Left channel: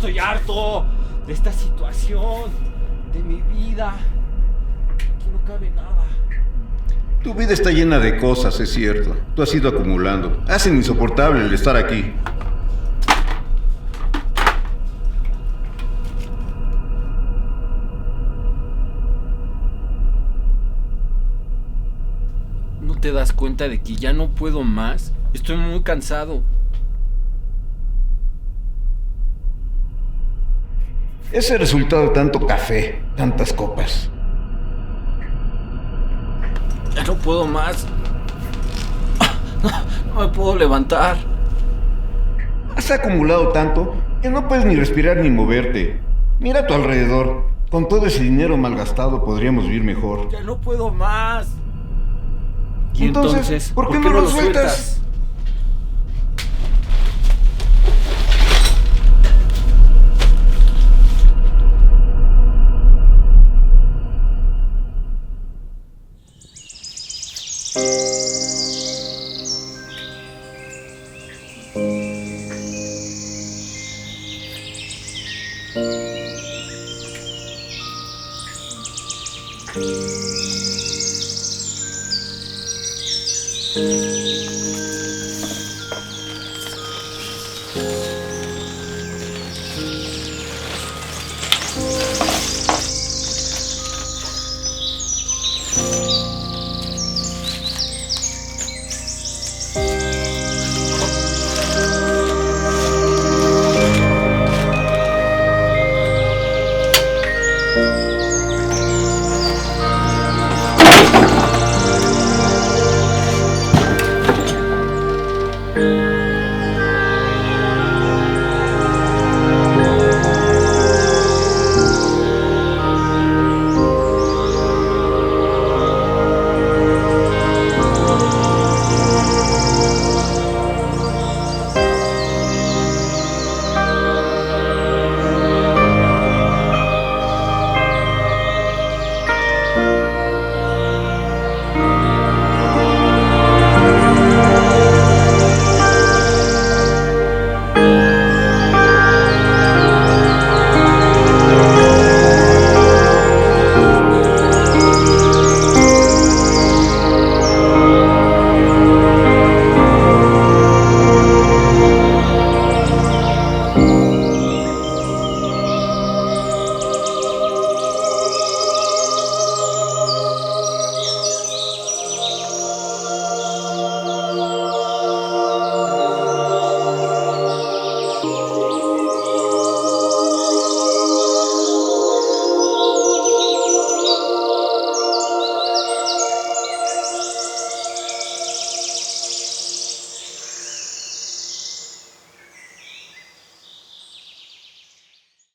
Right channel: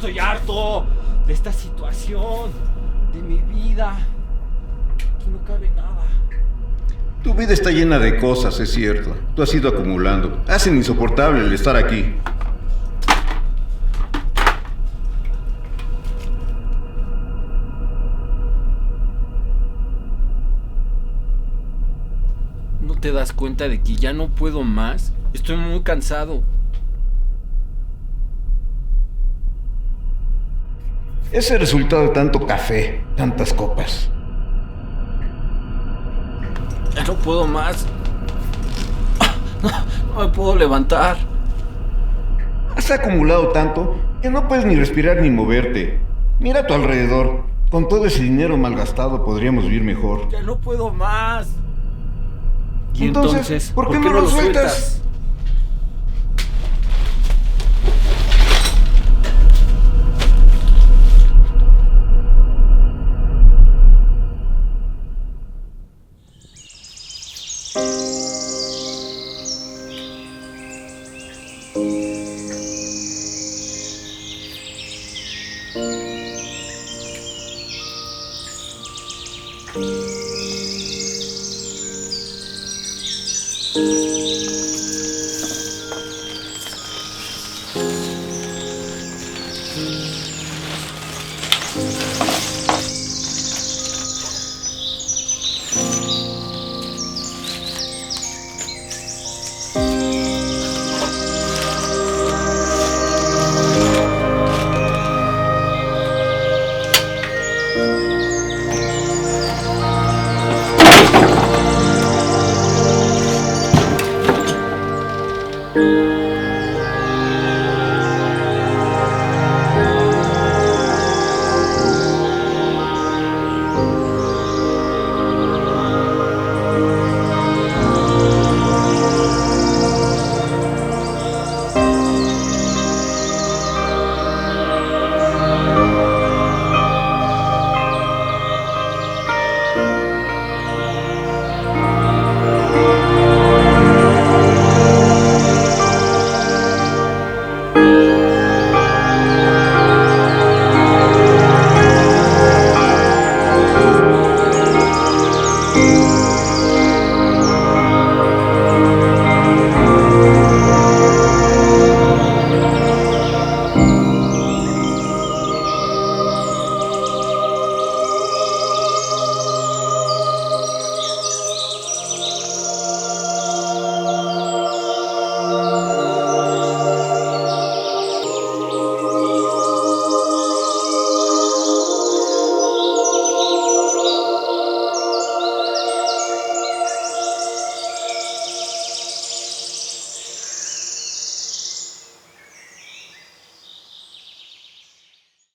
estoy harto de esta situación, de mi vida. Aquí no cabe nada. Tu vida está llena de cosas, es cierto. Tú has ido acumulando. Hacen insoportable el estar aquí. ¿No te das cuenta de que ya no puedo más? Estoy muy cansado. Es el resultado de tanto café, tantas copas. Ya no puedo más. No me puedo levantar. Has acumulado tanto que no puedes ni respirar ni moverte. Mira a tu alrededor. Con todo ese dinero malgastado podríamos vivir mejor. Ya no puedo más. ¿Y entonces ¿por qué no lo sueltas?